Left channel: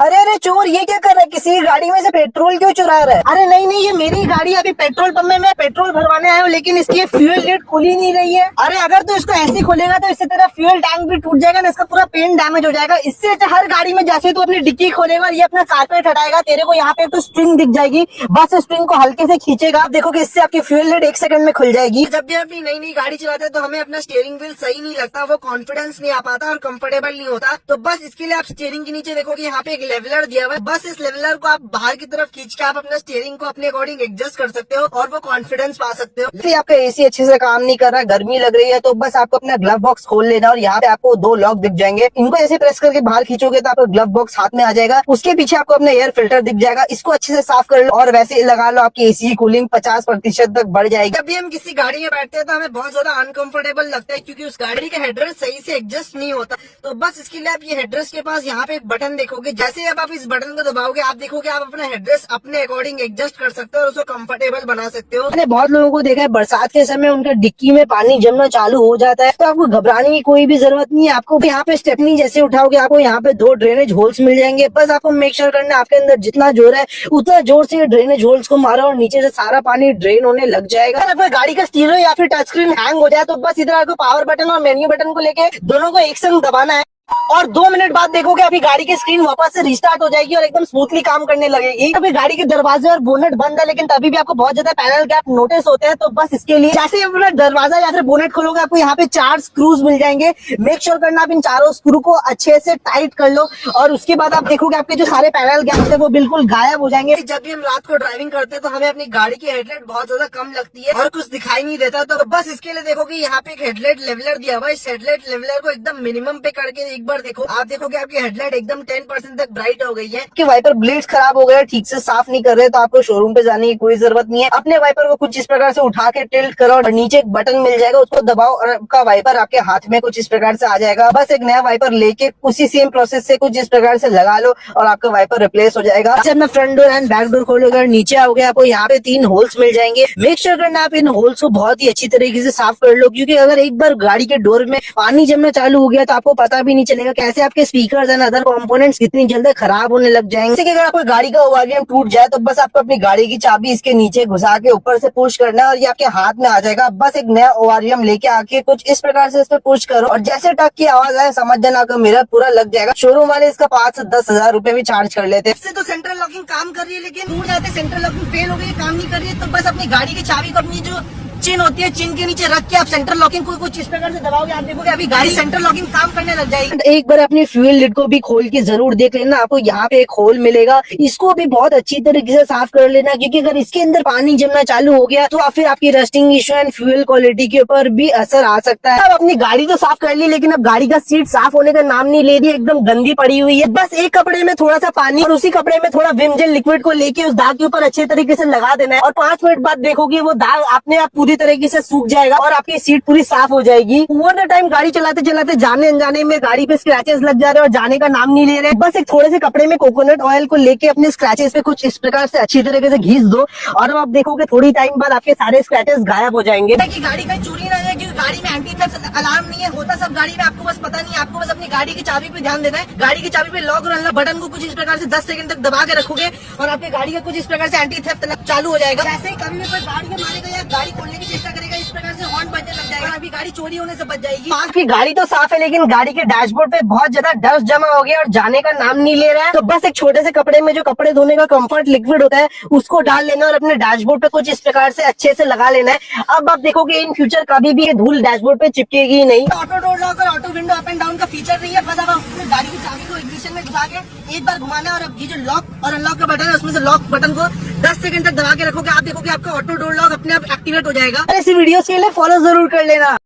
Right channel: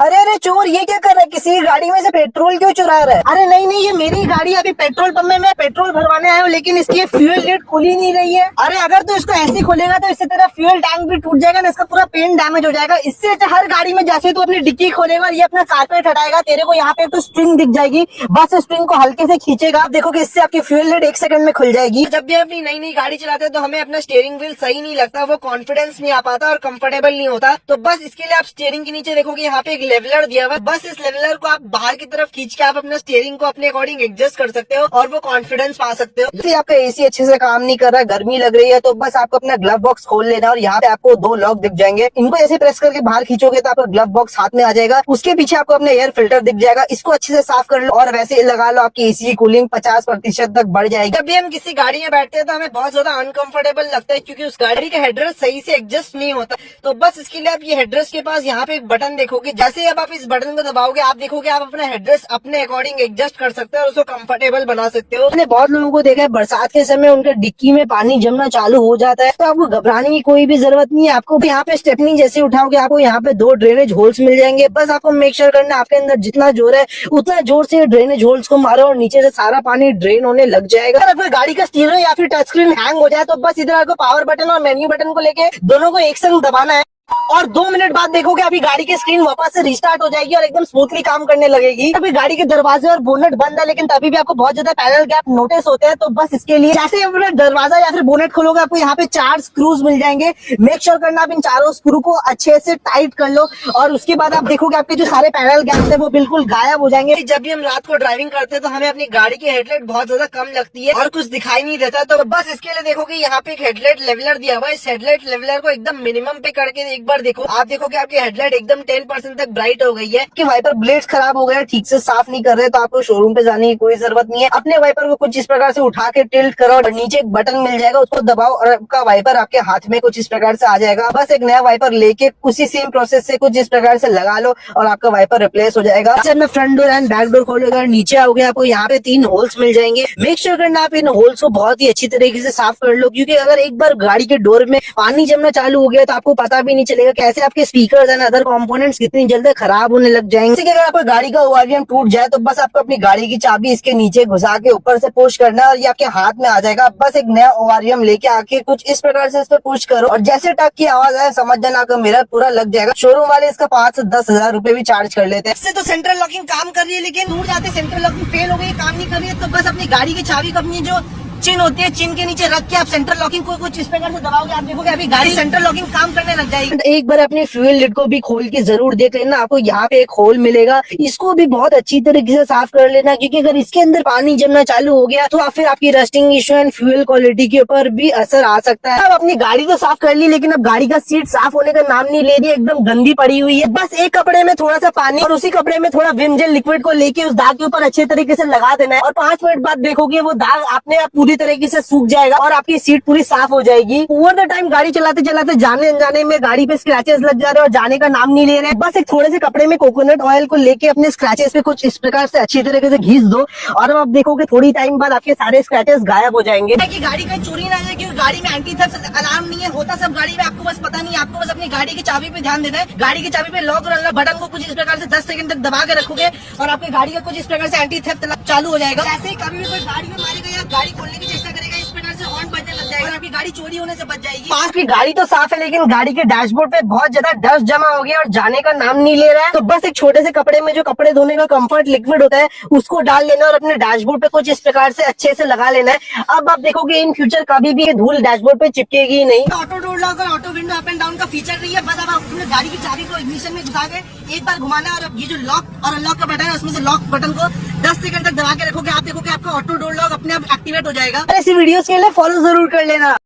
अरे अरे चोर, ये क्या कर रहा है? किसी की गाड़ी में से पेट्रोल क्यों चुरा रहा है? अरे नहीं नहीं, ये मेरी गाड़ी है। अभी पेट्रोल पंप में मैं पेट्रोल भरवाने आया हूँ, लेकिन इसकी ये फ्यूल लिड खुली नहीं रही है। अरे अगर तू इसको ऐसे खोलेगा तो इससे तेरा फ्यूल टैंक भी टूट जाएगा ना, इसका पूरा पेंट डैमेज हो जाएगा। इससे अच्छा हर गाड़ी में जैसे तू अपनी डिक्की खोलेगा और ये अपना कारपेट हटाएगा, तेरे को यहाँ पे तो स्प्रिंग दिख जाएगी। बस स्प्रिंग को हल्के से खींचेगा, आप देखोगे इससे आपकी फ्यूल लिड 1 सेकंड में खुल जाएगी। जब भी अपनी नई नई गाड़ी चलाते हैं तो हमें अपना स्टीयरिंग व्हील सही नहीं लगता, वो कॉन्फिडेंस नहीं आ पाता और कंफर्टेबल नहीं होता। तो बस इसके लिए आप स्टीयरिंग के नीचे देखोगे यहाँ पे एक लेवलर दिया हुआ है। बस इस लेवलर को आप बाहर की तरफ खींच के आप अपना स्टीयरिंग को अपने अकॉर्डिंग एडजस्ट कर सकते हो और वो कॉन्फिडेंस पा सकते हो। जैसे आपका एसी अच्छे से काम नहीं कर रहा, गर्मी लग रही है, तो बस आपको अपना ग्लव बॉक्स खोल लेना और यहाँ पे आपको 2 लॉक दिख जाएंगे। इनको ऐसे प्रेस करके बाहर खींचोगे तो आपका ग्लव बॉक्स हाथ में आ जाएगा। उसके पीछे आपको अपना एयर फिल्टर दिख जाएगा, इसको अच्छे से साफ कर लो और वैसे लगा लो, आपकी एसी की कूलिंग 50% तक बढ़ जाएगी। जब भी हम किसी गाड़ी में बैठते हैं तो हमें बहुत ज्यादा अनकंफर्टेबल लगता है, क्योंकि उस गाड़ी का हेडरेस्ट सही से एडजस्ट नहीं होता। तो बस इसके लिए आप ये हेडरेस्ट के पास यहाँ पे एक बटन देखोगे, जैसे अब आप इस बटन को दबाओगे आप देखोगे आप अपना हेडरेस्ट अपने अकॉर्डिंग एडजस्ट कर सकते हो और उसको कंफर्टेबल बना सकते हो। मैंने बहुत लोगों को देखा है बरसात के समय उनके डिक्की में पानी जमना चालू हो जाता है, तो आपको घबराने की कोई भी जरूरत नहीं है। आपको यहाँ पे स्टेपनी जैसे उठाओगे आपको यहाँ पे 2 ड्रेनेज होल्स मिल जाएंगे। बस आपको मेक श्योर करना है आपके अंदर जितना जोर है उतना जोर से ड्रेनेज होल्स को मारो और नीचे से सारा पानी ड्रेन होने लग जाएगा। अगर कोई गाड़ी का स्टीयरिंग या फिर टच स्क्रीन हैंग हो जाए तो बस इधर आपको पावर बटन और मेन्यू बटन को लेके दोनों को एक संग दबाना है और 2 मिनट बाद देखोगे अभी गाड़ी की स्क्रीन वापस से रिस्टार्ट हो जाएगी और एकदम स्मूथली काम करने लगेगी। अभी गाड़ी के दरवाजे और बोनेट बंद है, लेकिन तभी भी आपको बहुत ज्यादा पैनल गैप नोटिस होते हैं। तो बस इसके लिए जैसे अपना दरवाजा या फिर बोनेट खोलोगे आपको यहाँ पे 4 स्क्रूज मिल जाएंगे। मेक श्योर करना आप इन चारों स्क्रू को अच्छे से टाइट कर लो और उसके बाद आप देखोगे आपके जो सारे पैनल गैप है वो बिल्कुल गायब हो जाएंगे। जब भी हम रात को ड्राइविंग करते हैं तो हमें अपनी गाड़ी की हेडलाइट बहुत ज्यादा कम लगती है और कुछ दिखाई नहीं देता। तो बस इसके लिए देखोगे यहाँ पे एक हेडलाइट लेवलर दिया हुआ है। इस हेडलाइट लेवलर को एकदम मिनिमम पे करके एक बार देखो, आप देखोगे आपकी हेडलाइट एकदम 10% तक ब्राइट हो गई है। कि वाइपर ब्लेड्स खराब हो गए, ठीक से साफ नहीं कर रहे, तो आपको शोरूम पे जाने की कोई जरूरत नहीं है। अपने वाइपर को कुछ इस प्रकार से उठा के टिल्ट करो और नीचे एक बटन मिल जाएगा, उसको दबाओ और आपका वाइपर आपके हाथ में कुछ इस प्रकार से आ जाएगा। बस एक नया वाइपर लेके उसी सेम प्रोसेस से कुछ इस प्रकार से लगा लो और आपका वाइपर रिप्लेस हो जाएगा। अपना front door and back door खोलोगे और नीचे आओगे आपको यहाँ पे 3 होल्स मिल जाएंगे। मेक श्योर करना आप इन होल्स को बहुत ही अच्छी तरीके से साफ कर लो, क्योंकि अगर एक बार गाड़ी के डोर में पानी जमना चालू हो गया तो आपको पता भी नहीं चलेगा कैसे आपके स्पीकर एंड अदर कंपोनेंट्स कितनी जल्दी खराब होने लग जाएंगे। जैसे कि अगर आपका गाड़ी का ओआरवीएम टूट जाए तो बस आपको अपनी गाड़ी की चाबी इसके नीचे घुसा के ऊपर से पुश करना है और ये आपके हाथ में आ जाएगा। बस एक नया ओआरवीएम लेके आके कुछ इस प्रकार से इस पर पुश करो और जैसे टक की आवाज आए समझ जाना आपका मिरर पूरा लग जाएगा। शोरूम वाले इसका 5 से 10 हजार रुपए भी चार्ज कर लेते हैं। इससे तो सेंट्रल लॉकिंग काम कर रही है, लेकिन दूर जाते सेंट्रल लॉकिंग फेल हो गई, काम नहीं कर रही है, तो बस अपनी गाड़ी की चाबी को अपनी जो चिन होती है चिन के नीचे रख के आप सेंट्रल लॉकिंग को कुछ इस प्रकार से दबाओगे, आप देखोगे अभी गाड़ी सेंट्रल लॉकिंग काम करने लग जाएगी। एक बार अपनी फ्यूल लिड को भी खोल के जरूर देख लेना, आपको यहाँ पे एक होल मिलेगा, इसको भी बहुत अच्छी तरीके से साफ कर लेना, क्योंकि अगर इसके अंदर पानी जमना चालू हो गया तो फिर आपकी rusting issue and fuel quality के ऊपर भी असर आ सकता है। अब अपनी गाड़ी तो साफ कर ली, लेकिन अब गाड़ी का सीट साफ होने का नाम नहीं ले रही, एकदम गंदी पड़ी हुई है। बस एक कपड़े में थोड़ा सा पानी और उसी कपड़े में थोड़ा विम जेल लिक्विड को लेके उस दाग के ऊपर अच्छे तरीके से लगा देना है और 5 मिनट बाद देखोगे वो दाग अपने आप पूरी तरीके से सूख जाएगा और आपकी सीट पूरी साफ हो जाएगी। ओवर द टाइम गाड़ी चलाते चलाते जाने अनजाने में गाड़ी पे स्क्रैचेस लग जा रहे हैं और जाने का नाम नहीं ले रहे। बस एक थोड़े से कपड़े में कोकोनट ऑयल को लेके अपने स्क्रैचेस पे कुछ इस प्रकार से अच्छी तरीके से घिस दो और अब आप देखोगे थोड़ी टाइम बाद आपके सारे स्क्रैचेस गायब हो जाएंगे। कि गाड़ी का चोरी ना जाए, क्योंकि गाड़ी में एंटी थेफ्ट अलार्म नहीं है, होता सब गाड़ी में, आपको बस पता नहीं, आपको बस अपनी गाड़ी की चाबी पे ध्यान देना है। गाड़ी की चाबी पे लॉक और अनलॉक बटन को कुछ इस प्रकार से 10 सेकंड तक दबा के रखोगे और आपकी गाड़ी का कुछ इस प्रकार से एंटी थेफ्ट चालू हो जाएगा। जैसे कभी भी कोई गाड़ी में मारेगा या गाड़ी खोलने की चेष्टा करेगा इस प्रकार से हॉर्न बजने लग जाएगा, आपकी गाड़ी चोरी होने से बच जाएगी। आपकी गाड़ी तो साफ है, लेकिन गाड़ी के डैशबोर्ड पे बहुत ज्यादा डस्ट जमा हो गया और जाने का नाम नहीं ले रहा है, तो बस एक छोटे से कपड़े में जो कपड़े धोने का कंफर्ट लिक्विड होता है उसको डाल लेना और अपने डैशबोर्ड पे कुछ इस प्रकार से अच्छे से लगा लेना है। अब आप देखोगे इन फ्यूचर कभी भी ये धूल डैशबोर्ड पे चिपकेगी ही नहीं। ऑटो डोर लॉक और auto window up and down का फीचर नहीं है, बस अब अपनी गाड़ी की चाबी को इग्निशन में घुसा के एक बार घुमाना है और अब ये जो लॉक और अनलॉक का बटन है उसमें से लॉक बटन को 10 सेकंड तक दबा के रखोगे, आप देखोगे आपका ऑटो डोर लॉक अपने आप एक्टिवेट हो जाएगा। ऐसी वीडियोस के लिए फॉलो जरूर कर लेना।